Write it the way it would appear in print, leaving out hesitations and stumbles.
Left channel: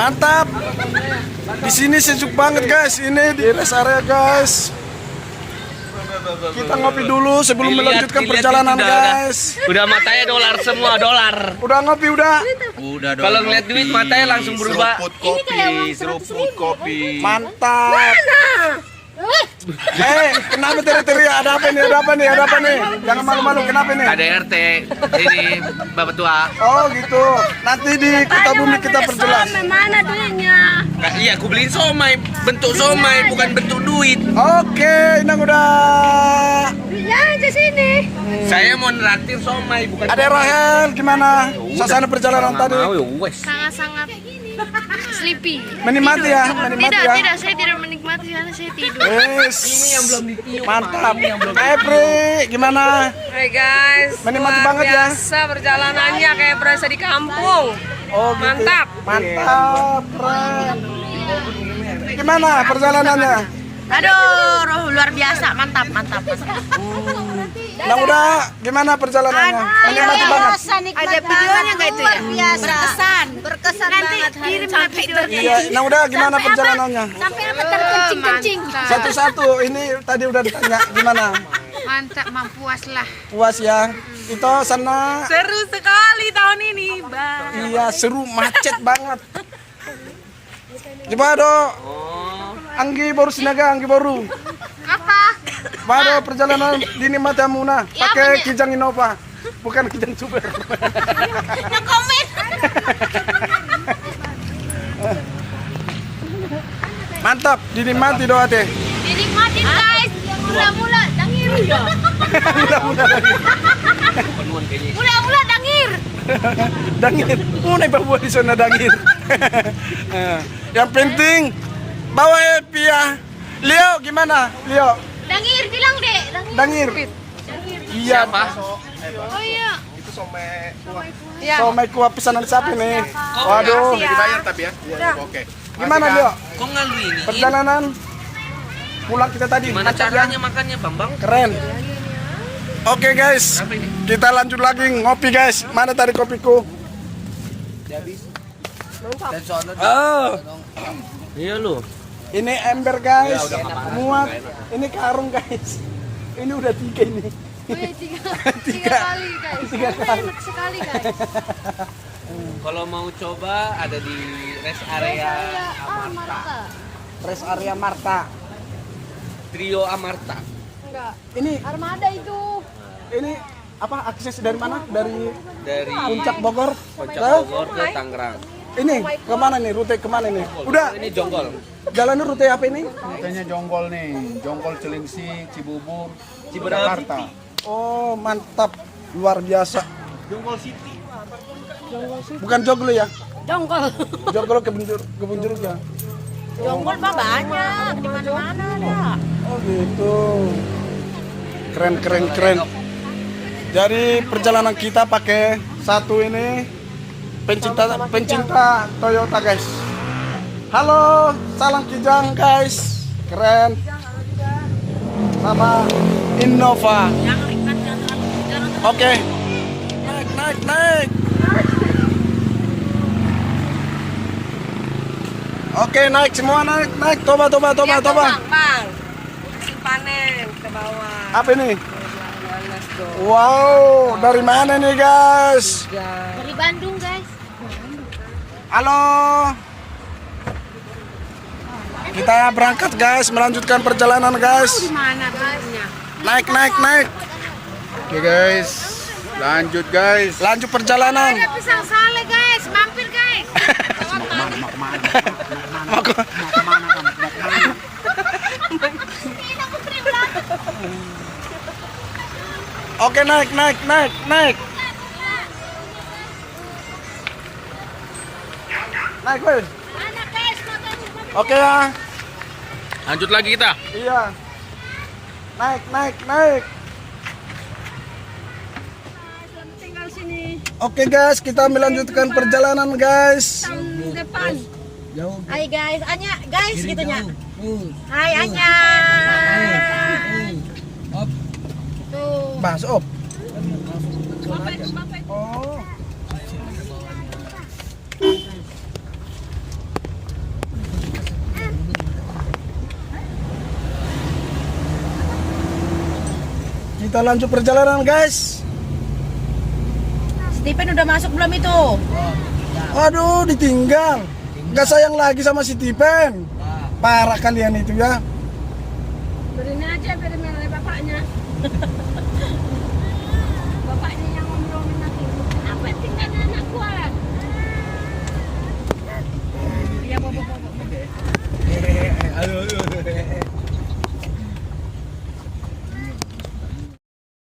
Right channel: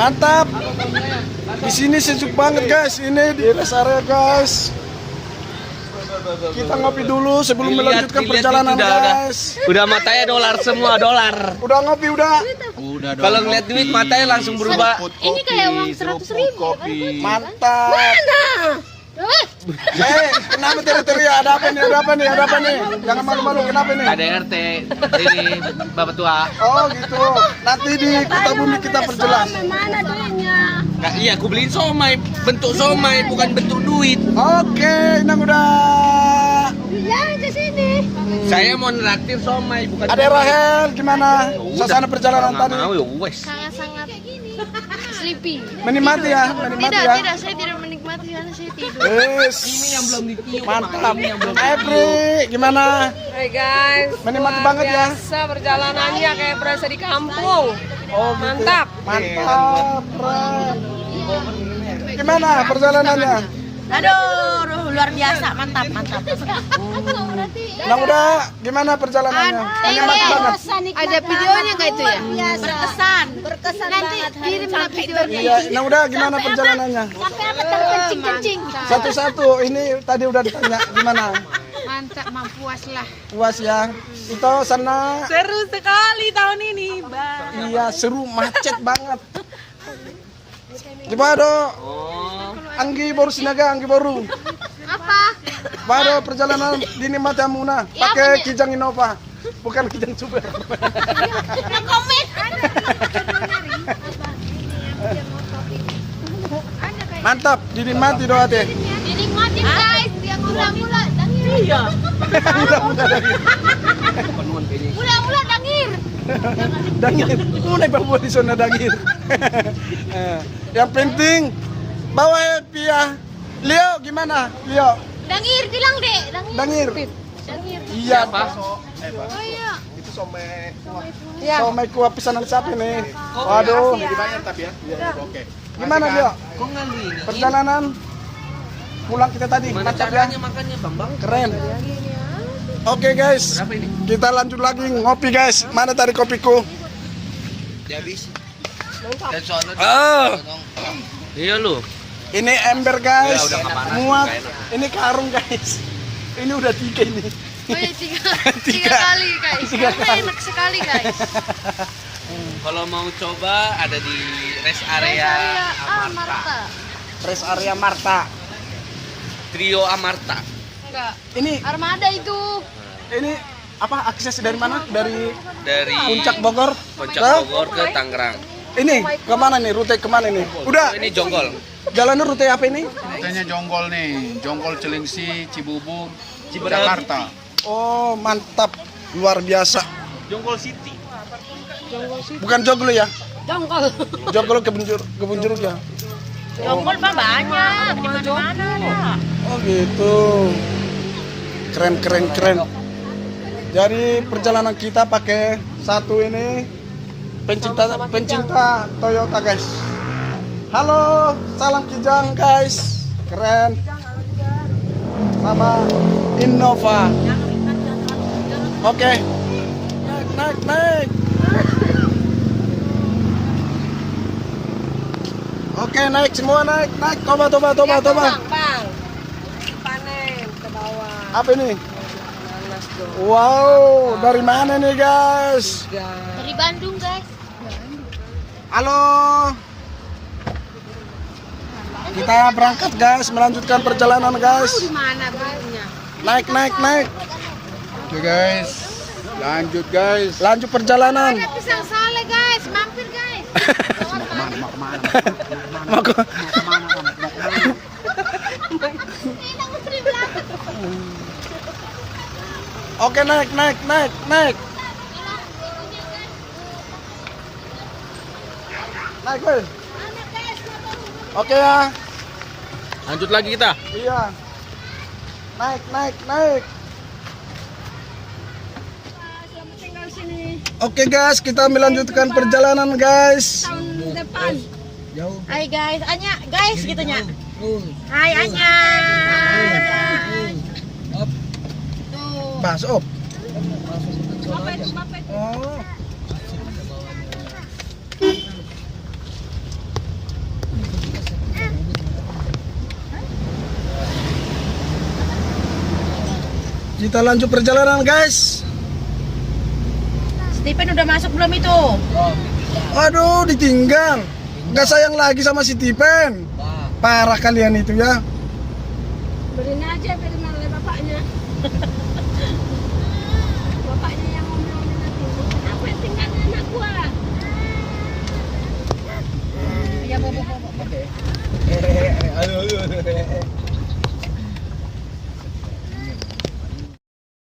Mantap. Di sini sejuk banget guys. Ini di rest area guys. Kita ngopi dulu sebelum melanjutkan perjalanan guys. Udah matanya dolar semua, dolar. Udah ngopi udah. Udah dong. Kalau ngeliat duit matanya langsung berubah. Ini kayak uang 100.000. Kopi. Mantap. Kenapa teriak-teriak? Ada apa nih? Jangan malu-malu, kenapa nih? KDRT ini Bapak Tua. Oh gitu. Nanti di Kota Bumi kita perjelas. Mana duitnya? Nah, iya, aku beliin somai, bentuk somai bukan bentuk duit. Oke, Inang udah. Ya di sini. Saya mau neraktir somai bukan. Ada Rahel, gimana? Suasana perjalanan tadi? Sangat-sangat sleepy. Menikmati ya. Tidak, saya tidak menikmati karena saya tidur. Ini yang belum ditiup. Mantap. Epri, gimana? Hai guys, Menikmati luar banget ya? biasa perjalanannya kayak berasa di kampung. Oh, gitu. Mantap. Mantap, keren. Gimana perjalanannya? Aduh, luar biasa, mantap. Nah udah, gimana perjalanannya? Menikmati banget. Ada videonya kayak itu ya? Biasa. Berkesan banget hari sampai Iya, nah udah gimana perjalanannya? sampai apa terkencing-kencing. Satu-satu, ini tadi udah ditanya gimana? Mantap, puas lah. Puas ya? Itu sana, Seru sekali tahun ini, Bang. iya seru, macet banget. Gimana dok? Anggi baru sinaga, Anggi baru. Apa? Baru perjalanan dinikmati Amuna. Ya, Pakai banyak. Kijang Innova, bukan Kijang Super. No comment. Mantap, dinikmati doa teh. Dinikmatin guys, yang mula-mula dangir. Mula-mula dangir. Dangir, mulai bawa di sana dangir. Yang penting bawa happy ya. Leo gimana? Leo, Dangir bilang deh, dangir. Iya pak. Oh iya. Somai kuah pesanan siapa nih? Waduh. Dibayar tapi ya. Oke. Gimana Leo? Kok ngalu ini? Perjalanan pulang kita tadi. Gimana caranya makannya, Bambang? Keren. Oke guys, kita lanjut lagi ngopi guys. Mana tadi kopiku? Habis. Oh, Iya lu. ini ember guys. Ya, udah nggak panas, Muat. nggak enak. Ini karung guys. Ini udah 3 ini. Oh iya, tiga kali guys. Karena enak sekali guys. Kalau mau coba ada di rest area Amarta. Marta. Rest area Marta. Trio Amarta. Enggak. Ini Armada itu. apa akses dari mana? Dari Dari Puncak Bogor. Puncak Ke? Bogor ke Tangerang. Ini kemana nih? Rute kemana nih? Udah. Ini Jonggol. Jalannya rute apa ini? Rutenya Jonggol nih, Jonggol Cilengsi, Cibubur, Ciberem Jakarta. Oh mantap, luar biasa. Jonggol City. Bukan Joglo ya? Jonggol. Joglo kebun jeruk ya. Jonggol mah banyak. Oh gitu. Keren. Jadi perjalanan kita pakai satu ini pencinta Toyota guys. Halo, salam Kijang guys. Keren. Sama Innova. Oke. Naik. Oke, naik semua naik. Toba. Bang. Panen ke bawah. Apa ini? Wow, dari mana nih guys? Dari Bandung guys. Halo. Kita berangkat guys, melanjutkan perjalanan guys. Mana guys? Naik. Oke guys, lanjut guys. Lanjut perjalanan. Ada pisang sale guys, mampir guys. Mau ke- Oke, naik. Naik, weh. Oke ya. Lanjut lagi kita. Iya. Naik. Tinggal sini Oke guys, kita melanjutkan perjalanan guys. tahun depan. Jauh. Hai guys, Anya guys gitunya. Hai Anya. Tuh. Bahas op. Oh. Kita lanjut perjalanan guys. Stephen udah masuk belum itu? Aduh, ditinggal. Gak sayang lagi sama si Tipen. Parah kalian itu ya. Berinya aja, beri oleh bapaknya.